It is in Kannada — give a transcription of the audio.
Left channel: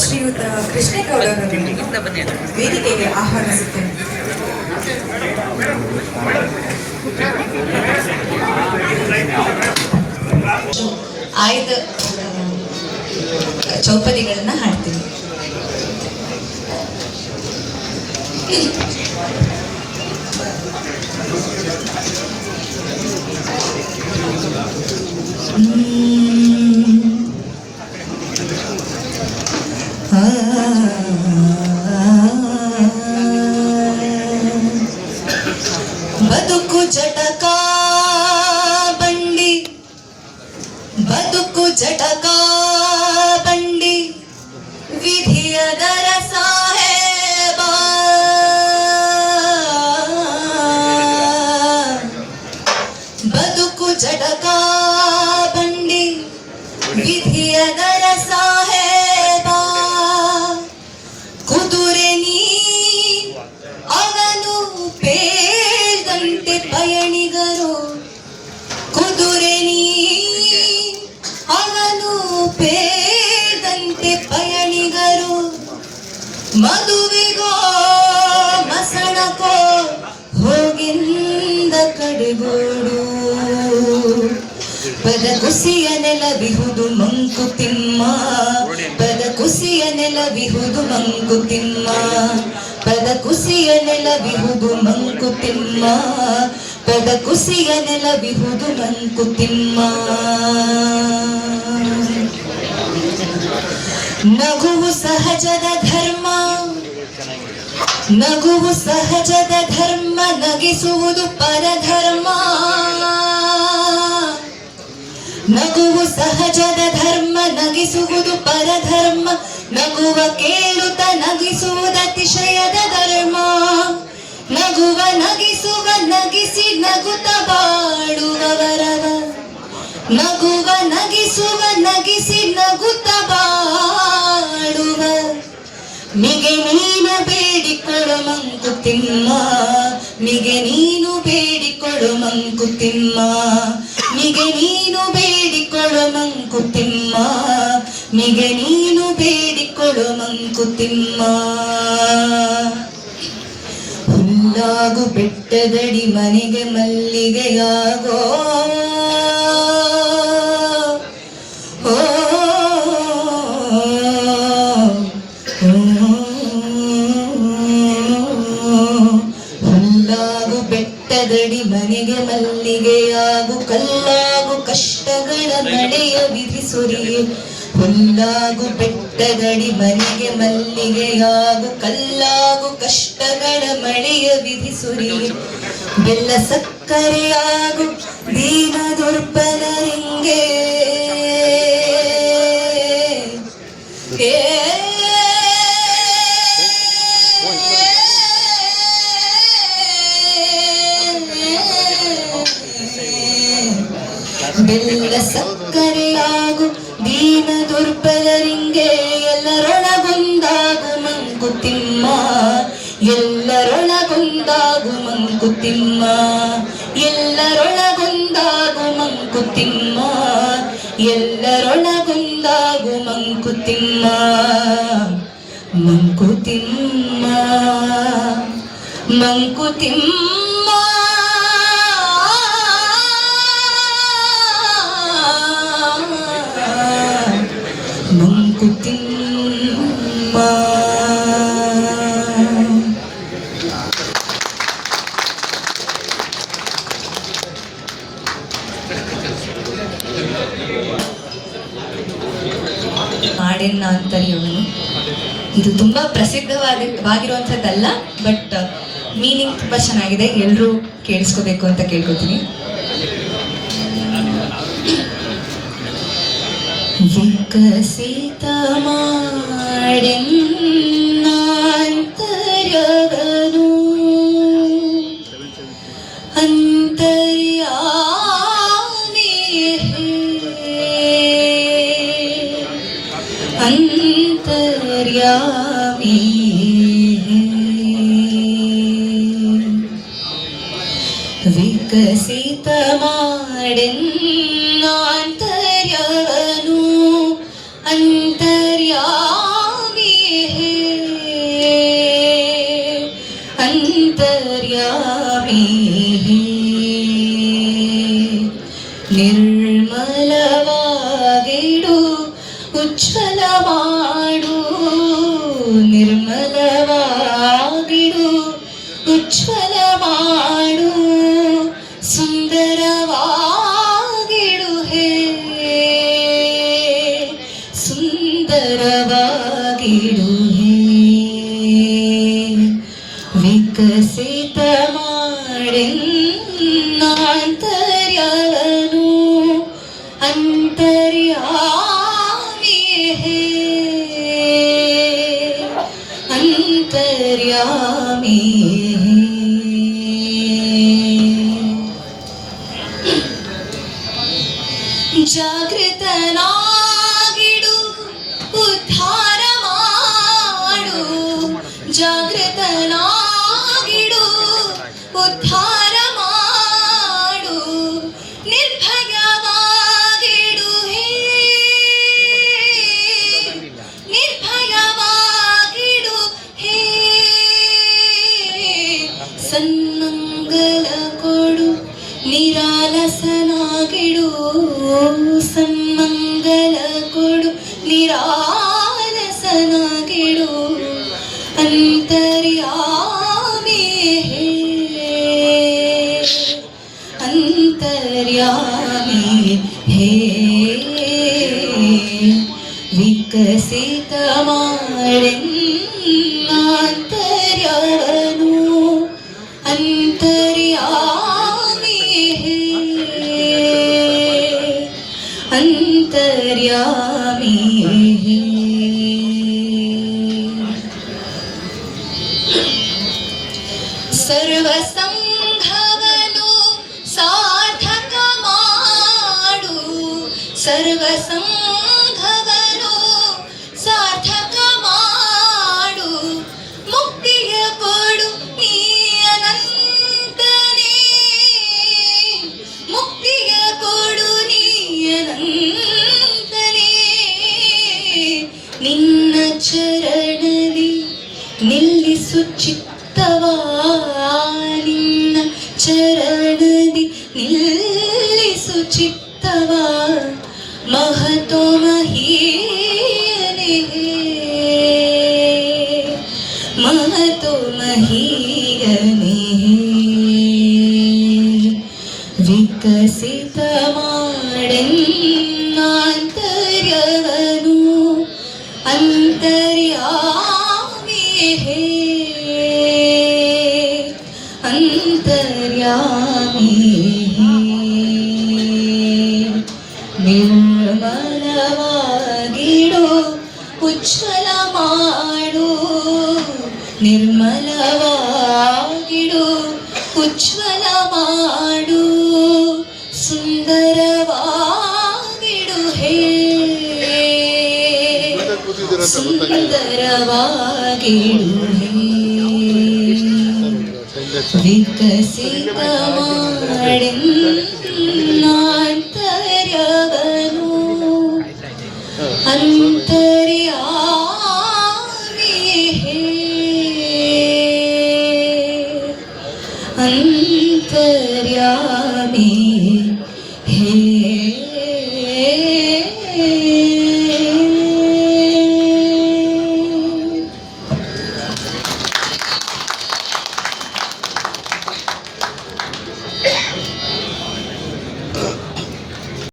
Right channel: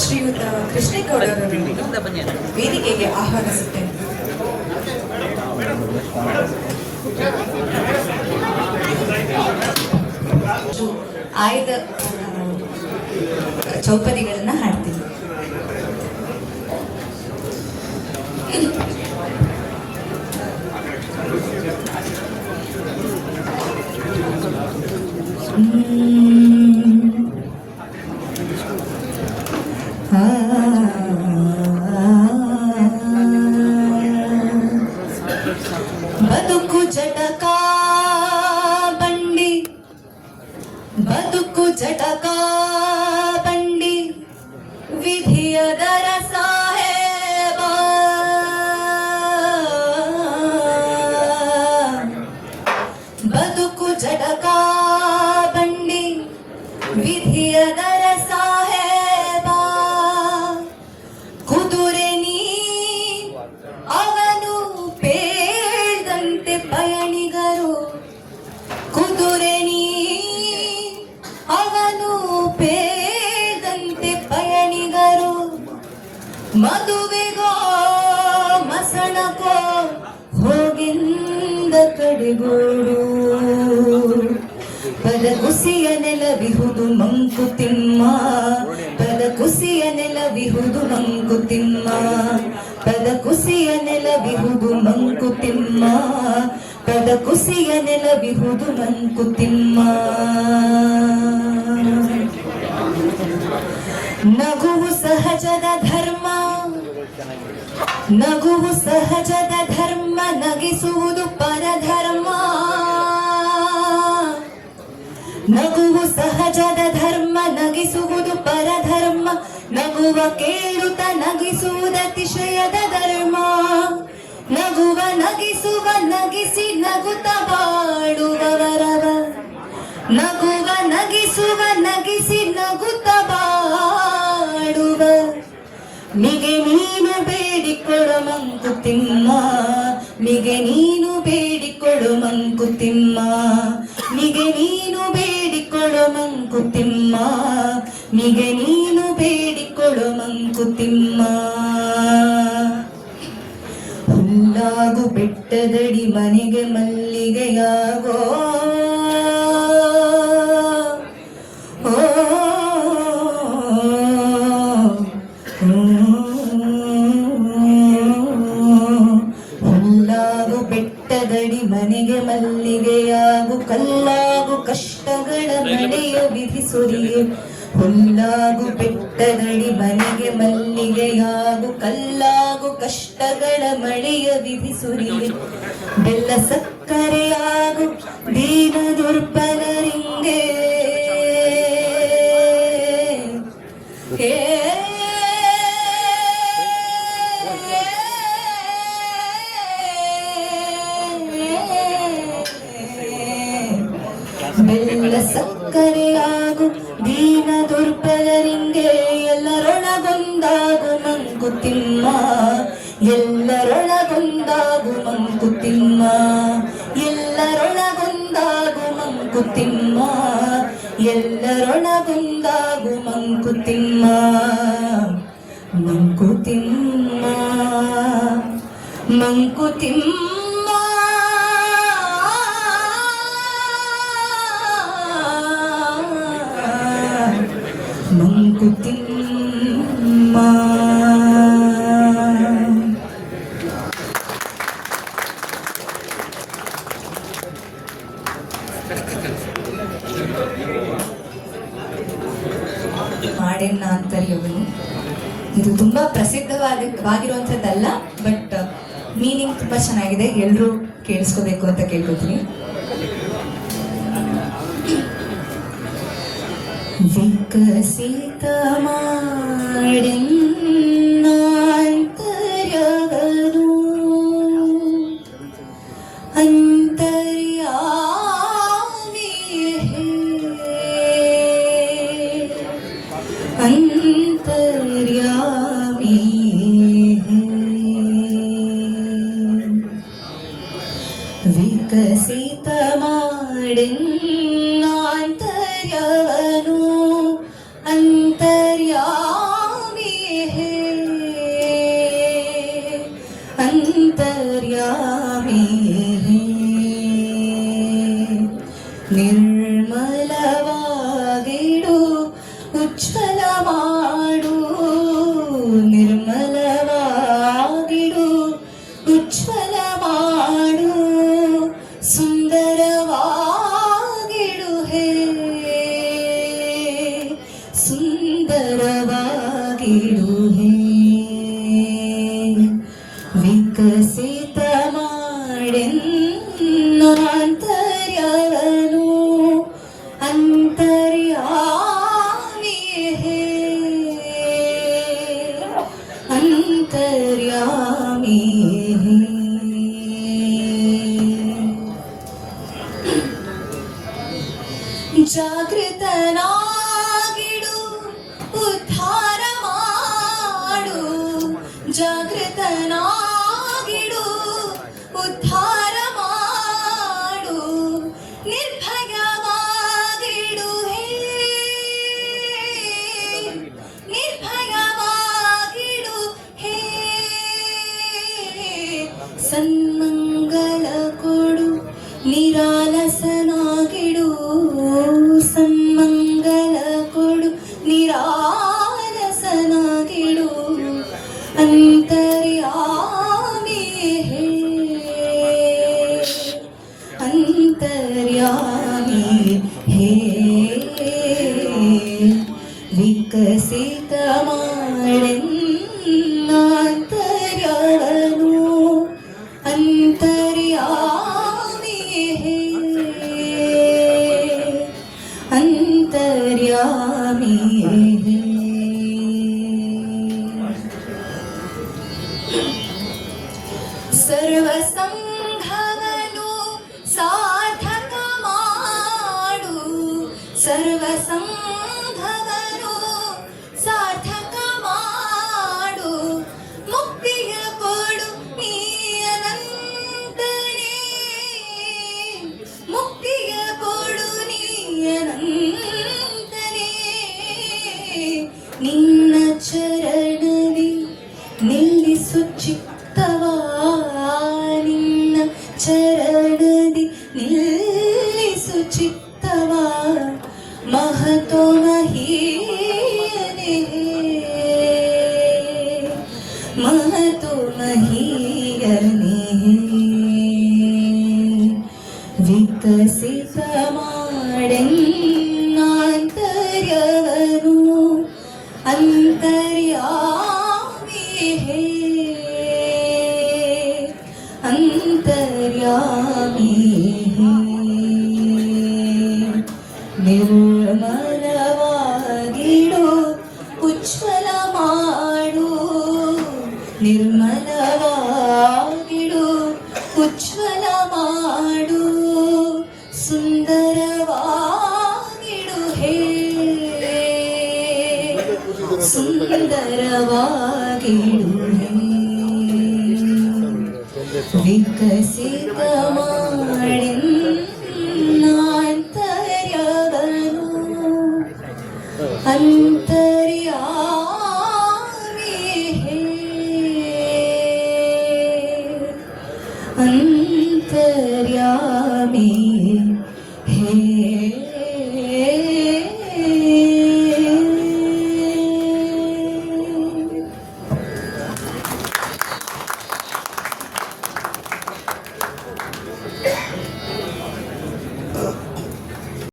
ಶ್ರೀಯುತ ಕೃಷ್ಣೇಗೌಡರನ್ನು ವೇದಿಕೆಗೆ ಆಹ್ವಾನಿಸುತ್ತೇನೆ. ಆಯ್ದ ಚೌಪದಿಗಳನ್ನ ಹಾಡ್ತೀನಿ. ಬದುಕು ಜಟಕ ಬಂಡಿ, ಬದುಕು ಜಟಕ ಬಂಡಿ, ವಿಧಿಯದರ ಸಾಹೇಬ. ಬದುಕು ಜಟಕ ಬಂಡಿ, ವಿಧಿಯದರ ಸಾಹೇಬ. ಕುದುರೆ ನೀ ಅವನು ಪೇಳ್ದಂತೆ ಪಯಣಿಗರು, ಕುದುರೆ ನೀ ಅವನು ಪೇಳ್ದಂತೆ ಪಯಣಿಗರು. ಮದುವೆಗೋ ಮಸಣಕೋ ಹೋಗಿಂದ ಕಡೆಗೋಡು. ಪದ ಕುಸಿಯ ನೆಲವಿಹುದು ಮಂಕುತಿಮ್ಮ, ಪದ ಕುಸಿಯ ನೆಲವಿಹುದು ಮಂಕುತಿಮ್ಮ, ಪದ ಕುಸಿಯ ನೆಲವಿಹುದು ಮಂಕುತಿಮ್ಮ, ಪದ ಕುಸಿಯ ನೆಲವಿಹುದು ಮಂಕುತಿಮ್ಮ. ನಗುವು ಸಹಜದ ಧರ್ಮ, ನಗುವು ಸಹಜದ ಧರ್ಮ, ನಗಿಸುವುದು ಪರಧರ್ಮ. ನಗುವು ಸಹಜದ ಧರ್ಮ, ನಗಿಸುವುದು ಪರಧರ್ಮ. ನಗುವ ಕೇಳುತ್ತ ನಗಿಸುವುದು ಅತಿಶಯದ ಧರ್ಮ. ನಗುವ ನಗಿಸುವ ನಗಿಸಿ ನಗುತ್ತ ಬಾಳುವವರವ, ನಗುವ ನಗಿಸುವ ನಗಿಸಿ ನಗುತ್ತ ಬಾಳುವ. ಮಿಗೆ ನೀನು ಬೇಡಿಕೊಳ್ಳು ಮಂಕುತಿಮ್ಮ, ಮಿಗೆ ನೀನು ಬೇಡಿಕೊಳ್ಳು ಮಂಕುತಿಮ್ಮ, ಮಿಗೆ ನೀನು ಬೇಡಿಕೊಳ್ಳು ಮಂಕುತಿಮ್ಮ, ಮಿಗೆ ನೀನು ಬೇಡಿಕೊಳ್ಳು ಮಂಕುತಿಮ್ಮ. ಹುಲ್ಲಾಗು ಬೆಟ್ಟದಡಿ ಮನೆಗೆ ಮಲ್ಲಿಗೆಯಾಗೋ, ಹುಲ್ಲಾಗು ಬೆಟ್ಟದಡಿ ಮನೆಗೆ ಮಲ್ಲಿಗೆಯಾಗು, ಕಲ್ಲಾಗು ಕಷ್ಟಗಳ ಮಳೆಯ ವಿಧಿ ಸುರಿಯು. ಹುಲ್ಲಾಗು ಬೆಟ್ಟದಡಿ ಮನೆಗೆ ಮಲ್ಲಿಗೆಯಾಗು, ಕಲ್ಲಾಗು ಕಷ್ಟಗಳ ಮಳೆಯ ವಿಧಿ ಸುರಿಯು. ಬೆಲ್ಲ ಸಕ್ಕರೆಯಾಗು ದೀನ ದುರ್ಬಲರಿಂಗೆ, ಬೆಲ್ಲ ಸಕ್ಕರೆಯಾಗು ದೀನ ದುರ್ಬಲರಿಂಗೆ. ಎಲ್ಲರೊಳಗೊಂದಾಗು ಮಂಕುತಿಮ್ಮ, ಎಲ್ಲರೊಳಗೊಂದಾಗು ಮಂಕುತಿಮ್ಮ, ಎಲ್ಲರೊಳಗೊಂದಾಗು ಮಂಕುತಿಮ್ಮ, ಎಲ್ಲರೊಳಗೊಂದಾಗು ಮಂಕುತಿಮ್ಮ. ಮಂಕುತಿಮ್ಮ ಮಂಕುತಿಮ್ಮ ಮಂಕುತಿಮ್ಮ. ಹಾಡಿನ ಆಂತರ್ಯವನ್ನು ಇದು ತುಂಬಾ ಪ್ರಸಿದ್ಧವಾಗಿರುವಂಥದ್ದಲ್ಲ, ಬಟ್ ಮೀನಿಂಗ್ ತುಂಬಾ ಚೆನ್ನಾಗಿದೆ. ಎಲ್ಲರೂ ಕೇಳಿಸ್ಕೋಬೇಕು ಅಂತ ಕೇಳ್ಕೊತೀನಿ. ವಿಕಸಿತ ಮಾಡೆನ್ನಾಂತರ್ಯಗನು ಅಂತರ್ಯಾಮಿ, ಅಂತರ್ಯಾಮಿ. ವಿಕಸಿತ ಮಾಡೆನ್ನಾಂತರ್ಯಗನು ಅಂತ ನಿರ್ಮಲವಾಗಿಡು ಉಜ್ವಲ ಮಾಡು ನಿರ್ಮಲವಾಗಿಡು ಉಜ್ವಲ ಮಾಡು ಸುಂದರವಾಗಿಡು ಹೇ ಸುಂದರವಾಗಿಡು ಹೇ ವಿಕಸಿತ ಮಾಡೆನ್ನಾಂತರ್ಯನು ಅಂತರ್ಯಾಮಿ ಹೇ ಅಂತರ್ಯಾಮಿ ಹೇ ಜಾಗೃತನಾಗಿಡು ಉದ್ಧಾರ ಮಾಡು ಜಾಗೃತನಾಗಿಡು ಉದ್ಧಾರ ಮಾಡು ನಿರ್ಭಯವಾಗಿಡು ಹೇ ನಿರ್ಭಯವಾಗಿಡು ಹೇ ಸನ್ಮಂಗಲ ಕೊಡು ನಿರಾಲಸನಾಗಿಡು ಸನ್ಮಂಗಲ ಕೊಡು ನಿರಾಲಸನಾಗಿಡು ಅಂತರ್ಯಾಮಿ ಹೇ ಅಂತರ್ಯಾಮಿ ಹೇ ವಿಕಸಿತ ಮಾಡೆನ್ನಾಂತರ್ಯನು ಅಂತರ್ಯಾಮಿ ಹೇ ಅಂತರ್ಯಾಮಿ ಹೇ ಸರ್ವ ಸಂಘವನ್ನು ಸಾರ್ಥಕ ಮಾಡು ಸರ್ವ ಸಂಘವನ್ನು ಸಾರ್ಥಕ ಮಾಡು ಮುಕ್ತಿಯ ಕೊಡು ನೀ ಅನಂತನೇ ಮುಕ್ತಿಯ ಕೊಡು ನೀ ಅನಂತನೇ ನಿನ್ನ ಚರಣದಿ ನಿಲ್ಲಿಸು ಚಿತ್ತವಾ ನಿನ್ನ ಚರಣದಿ ನಿಲ್ಲಿಸು ಚಿತ್ತವಾ ಮಹತೋ ಮಹೀಯನೇ ಮಹತೋ ಮಹೀಯನೇ ವಿಕಸಿತ ಮಾಡೆನ್ನಾಂತರ್ಯನು ಅಂತರ್ಯಾಮಿ ಹೇ ಅಂತರ್ಯಾಮಿ ಹೇ ನಿರ್ಮಲವಾಗಿಡು ಉಜ್ವಲ ಮಾಡು ನಿರ್ಮಲವಾಗಿಡು ಉಜ್ವಲ ಮಾಡು ಸುಂದರವಾಗಿಡು ಹೇ ಸುಂದರವಾಗಿಡು ಹೇ ವಿಕಸಿತ ಮಾಡೆನ್ನಾಂತರ್ಯನು ಅಂತರ್ಯಾಮಿ ಹೇ